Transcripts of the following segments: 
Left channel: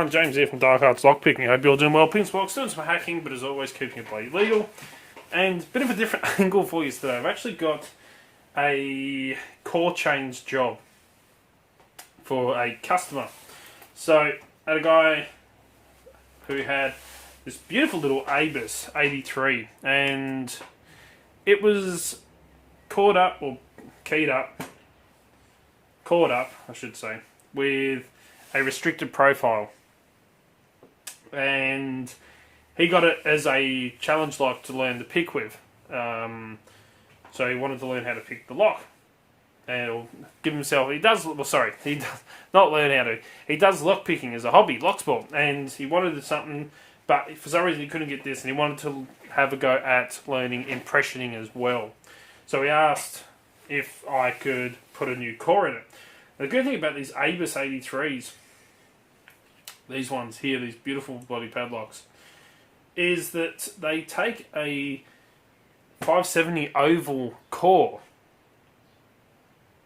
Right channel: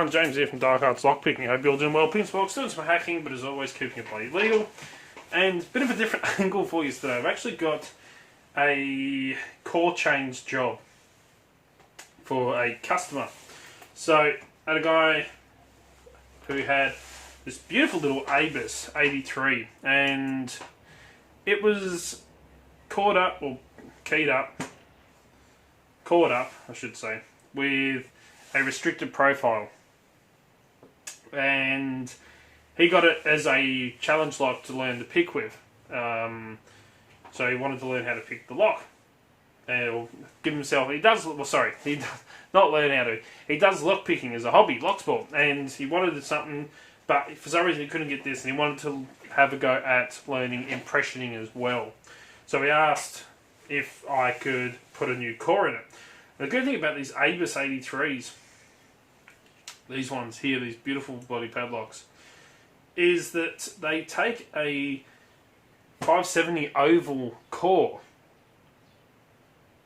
everyone, James here from Lockouts Lockpicking. Hope you're all doing well. Pinspot, doing some hacking, but as always, keeping it bloody legal. And a bit of a different angle for you today. I've actually got a core change job for a customer. So, I had a guy who had this beautiful little Abus 83, and it was caught up, I should say, with a restricted profile, and he got it as a challenge lock to learn to pick with. So he wanted to learn how to pick the lock, and give himself. He does not learn how to. He does lock picking as a hobby, Locksport, and he wanted something, but for some reason he couldn't get this, and he wanted to have a go at learning impressioning as well. So he asked if I could put a new core in it. The good thing about these Abus 83s, these ones here, these beautiful body padlocks, is that they take a 570 oval core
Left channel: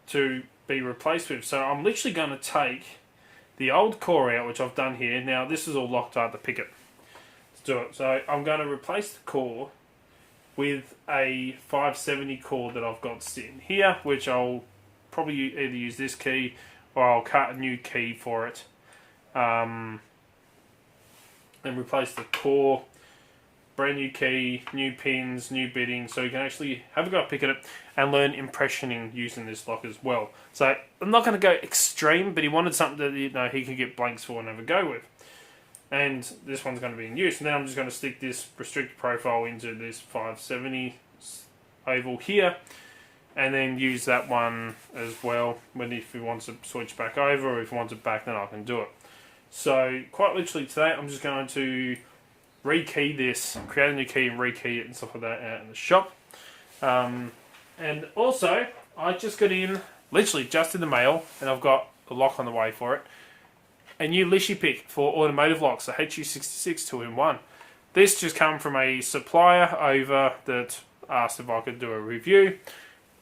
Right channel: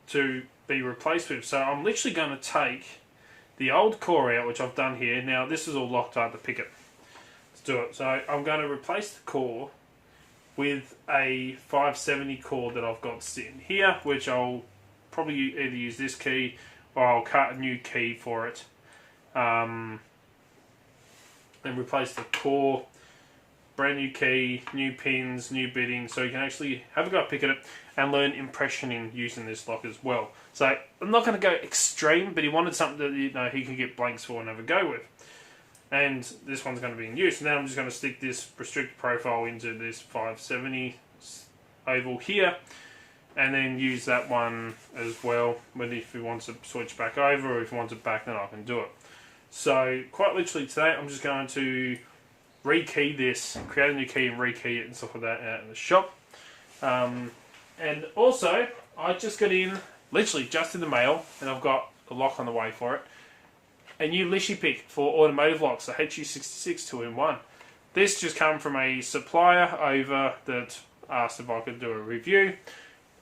to be replaced with. So I'm literally going to take the old core out, which I've done here. Now this is all locked up to pick it. Let's do it. So I'm going to replace the core with a 570 core that I've got sitting here, which I'll probably either use this key or I'll cut a new key for it, and replace the core. Brand new key, new pins, new bitting, so you can actually have a go at picking it and learn impressioning using this lock as well. So I'm not going to go extreme, but he wanted something that he could get blanks for and have a go with. And this one's going to be in use. Now I'm just going to stick this restricted profile into this 570 oval here, and then use that one as well. But if he wants to switch back over, or if he wants it back, then I can do it. So quite literally today, I'm just going to rekey this, create a new key and rekey it and stuff like that out in the shop. And also, I just got in, literally just in the mail, and I've got the lock on the way for it. A new Lishy pick for Automotive locks, the HU66 2-in-1. This just came from a supplier over that asked if I could do a review.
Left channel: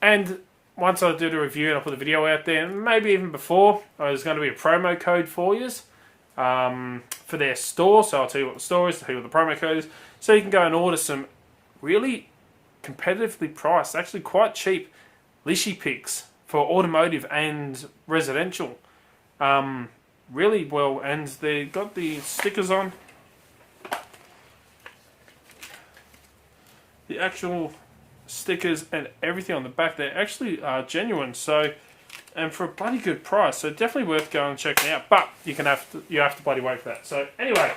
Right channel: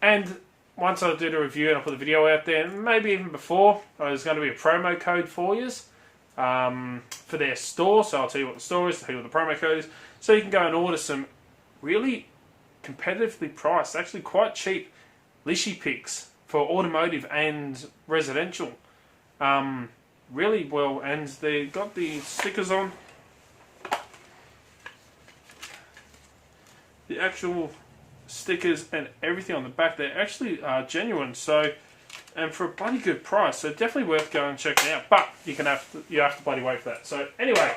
And once I do the review and I put the video out there, maybe even before, there's going to be a promo code for you for their store. So I'll tell you what the store is, tell you what the promo code is. So you can go and order some really competitively priced, actually quite cheap Lishy picks for automotive and residential. Really well, and they've got the stickers on. The actual stickers and everything on the back, they actually are genuine. So, and for a bloody good price, so definitely worth going and checking out. But you have to bloody wait for that. So anyway,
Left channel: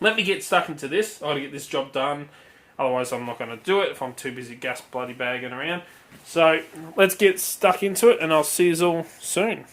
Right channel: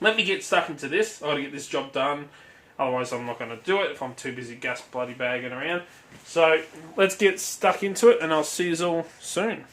let me get stuck into this. I got to get this job done. Otherwise, I'm not going to do it if I'm too busy gas bloody bagging around. So let's get stuck into it, and I'll see you all soon.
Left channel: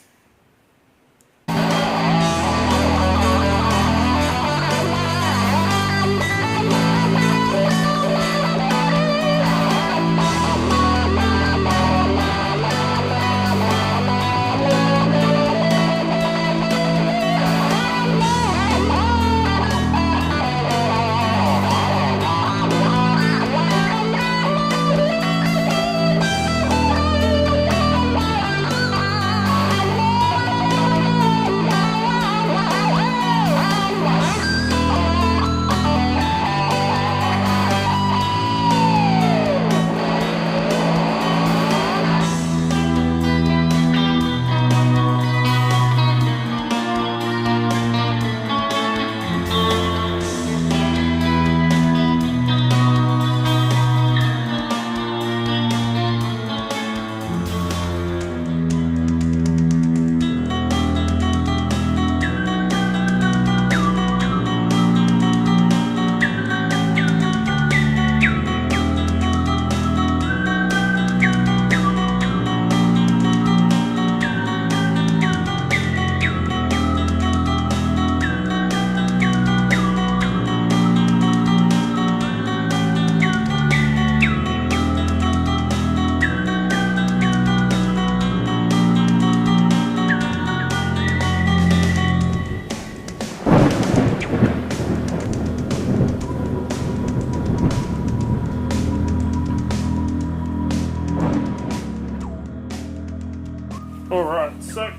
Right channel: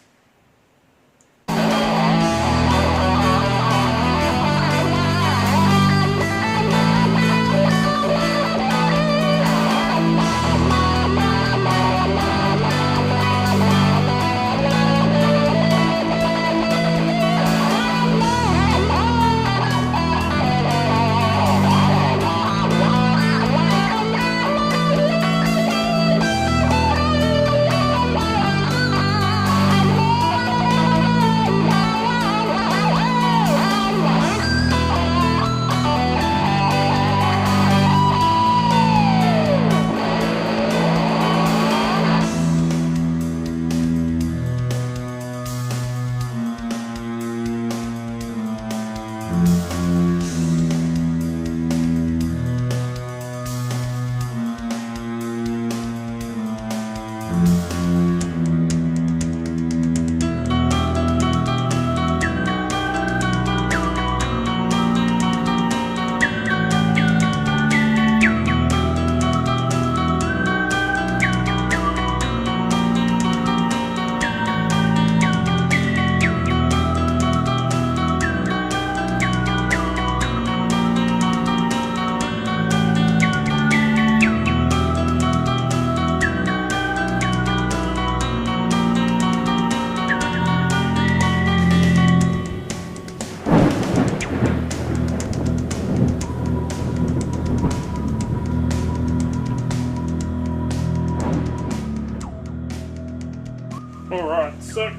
Alright, so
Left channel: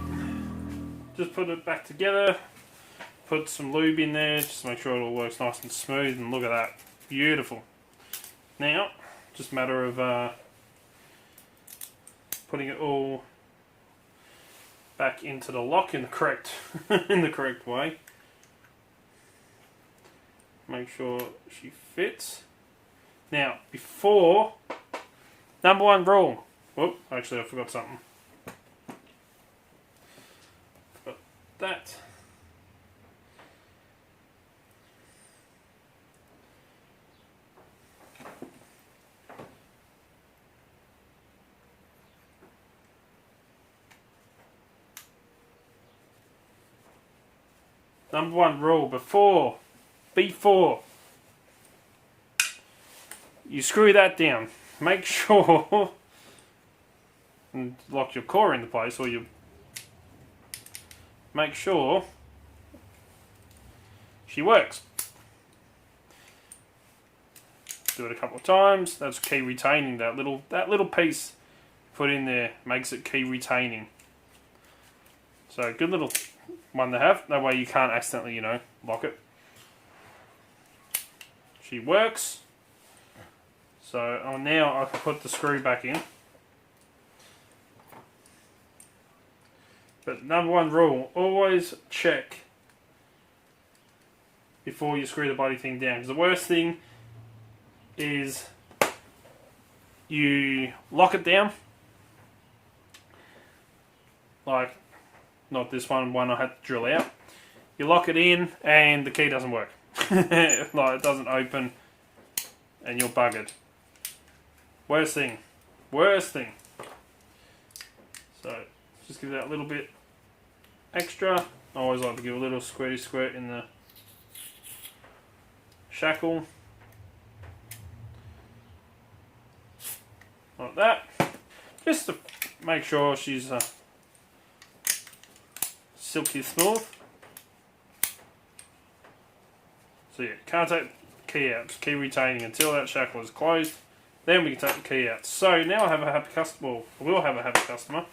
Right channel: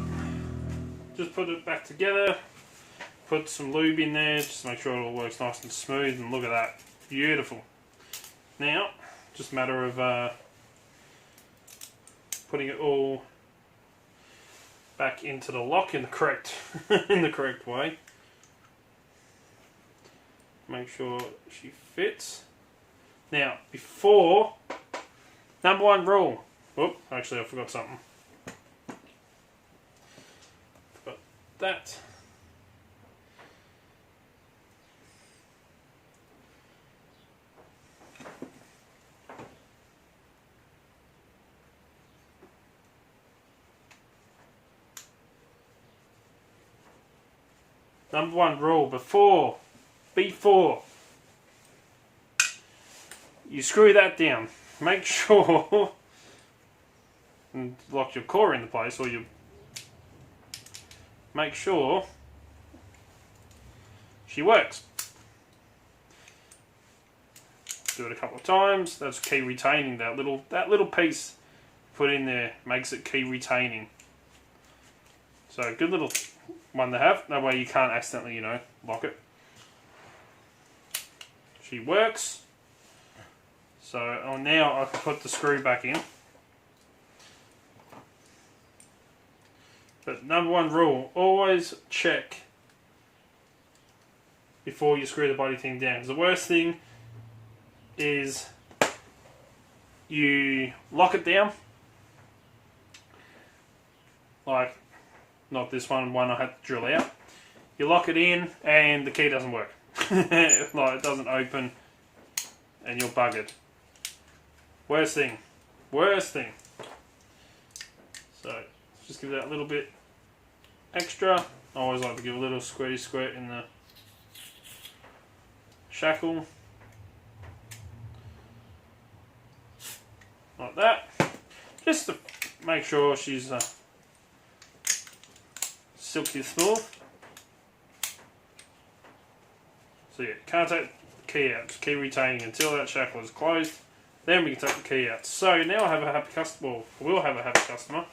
just put it back together. put some lube in there just to make sure it all works nice and smooth, and look at that. Beautiful. Now, just a matter of putting it all back into the lock in the correct in the correct way. Make sure she fits. Now, before, number one rule. Oh, actually I forgot something. Got that. Number one rule, before you screw that down, make sure and lock your core into place, or you make sure she works. Do it a couple of times. That's key retaining. That little piece put in there makes it key retaining. So good little one to have. That way you can't accidentally, lock it. She works. So now I can put the screw back in. But number one rule, always check before you screw the body thing down. Because the worst thing is you lock it down. Like, not this one I had to drill out. You lock it in and the key doesn't work. Like, it doesn't open and you're buggered. Worst thing. So, just give that a little bit extra. I always like to give a little squirty squirt in the shackle. Like that. Just to make sure she's silky smooth. So yeah, can't take the key out. Just keep retaining until that shackle is closed. Then we can take the key out. So now I have a happy customer. Well, we'll have a happy customer.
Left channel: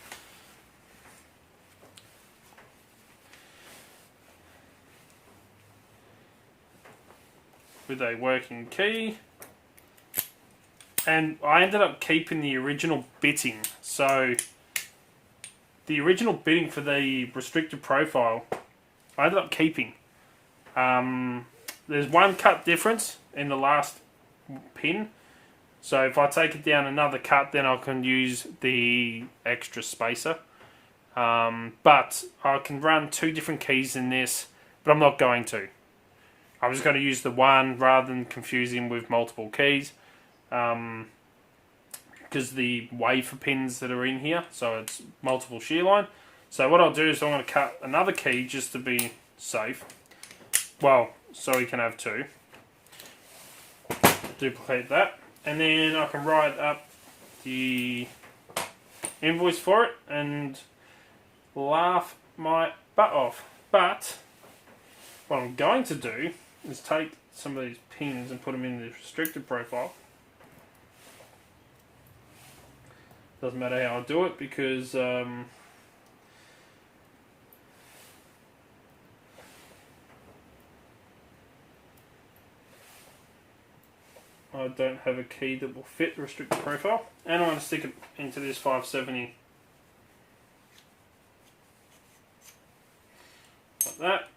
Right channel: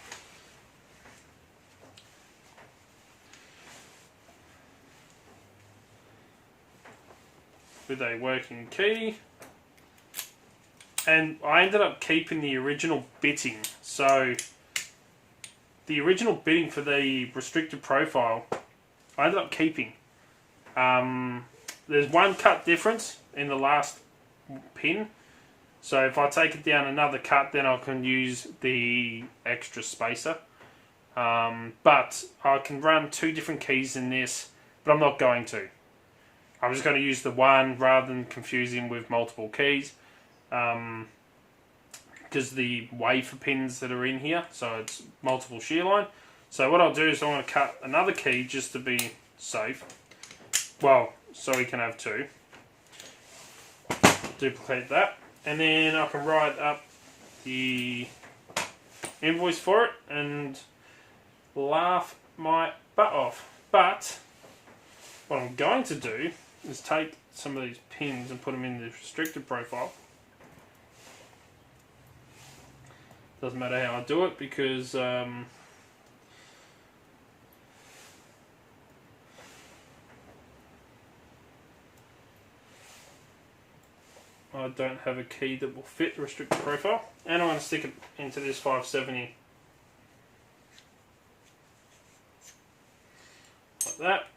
With a working key. And I ended up keeping the original bitting. So the original bitting for the restricted profile, I ended up keeping. There's one cut difference in the last pin. So if I take it down another cut, then I can use the extra spacer. But I can run two different keys in this, but I'm not going to. I'm just going to use the one rather than confusing with multiple keys. Because the wafer pins that are in here, so it's multiple shear line. So what I'll do is I'm going to cut another key just to be safe. Well, so we can have two. Duplicate that. And then I can write up the invoice for it and laugh my butt off. But what I'm going to do is take some of these pins and put them in the restricted profile. Doesn't matter how I do it because I don't have a key that will fit the restricted profile. And I'm going to stick it into this 570 like that.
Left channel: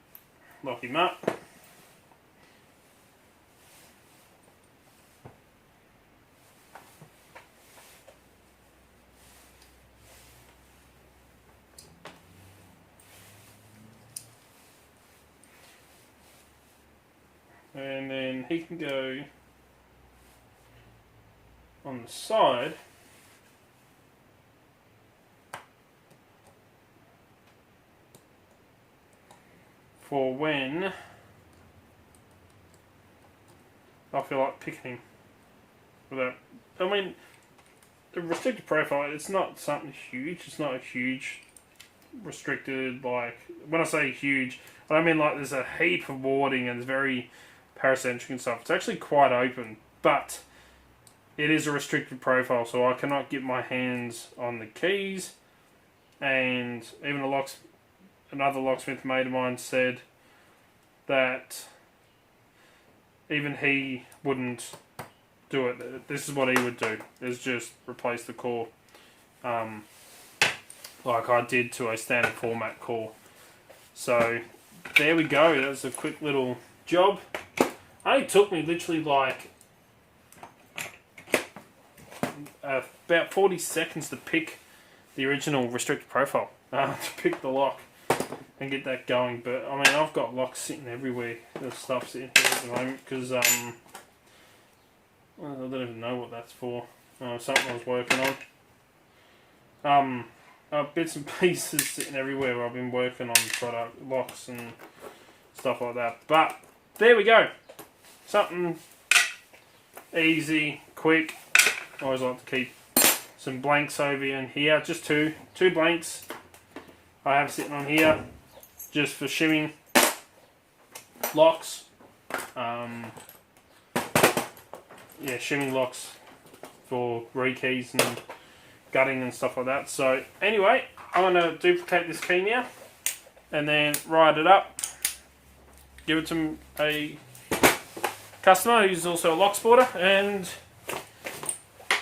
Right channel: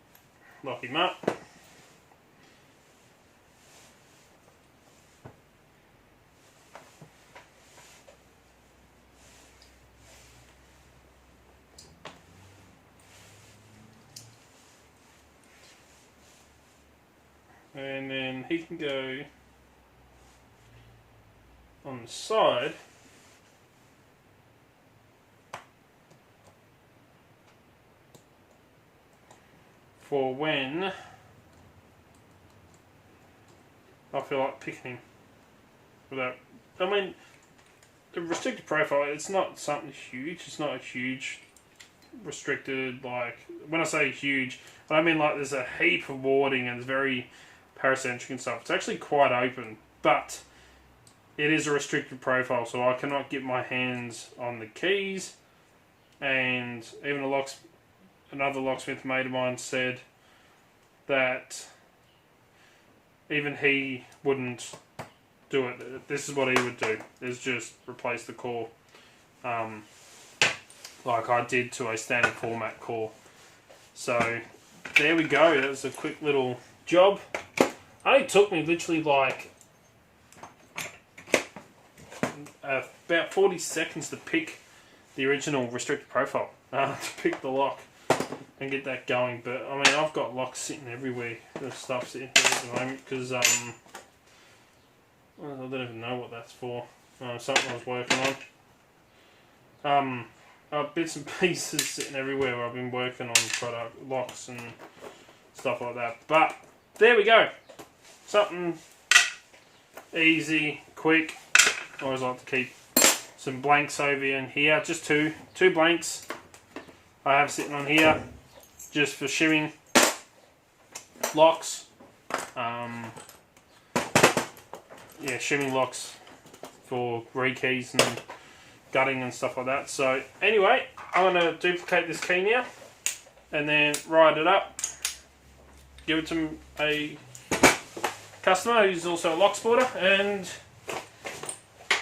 Lock him up. And then he can go on the side for when I feel like picking him. Without, I mean, the restricted profile, it's not something huge. It's not a huge restricted, like, when I say huge, I mean like there's a heap of warding and it's very paracentric and stuff. It's actually quite open, but it is a restricted profile, so I cannot get my hands on the keys. And even another locksmith mate of mine said that even he wouldn't do it. This is what he would do, is just replace the core like I did to a standard format core. So there we go, that was a quick little job. It only took me literally like about 40 seconds to pick the original restricted profile, to pick the lock and get that going. But I mean, I've got locks sitting everywhere. There's stuff sitting there at the moment because I don't even know what that's for. Something I was working on. Bits and pieces sitting everywhere. I've been working on product locks and stuff like that. But there we go. Something easy, quick. I always like to keep some blanks over in here. Just two blanks I have sitting on here, just for shimming locks. Shimming locks for rekeys and gutting and stuff like that. So anyway, I'm going to duplicate this key now and then write it up, give it to a customer who's also a Locksporter, and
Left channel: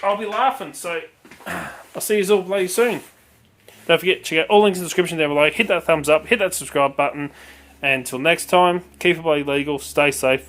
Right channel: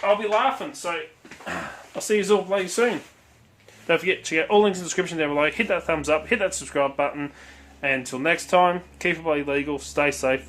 I'll be laughing. So I'll see you all bloody soon. Don't forget, check out all links in the description down below. Hit that thumbs up, hit that subscribe button, and until next time, keep it bloody legal, stay safe.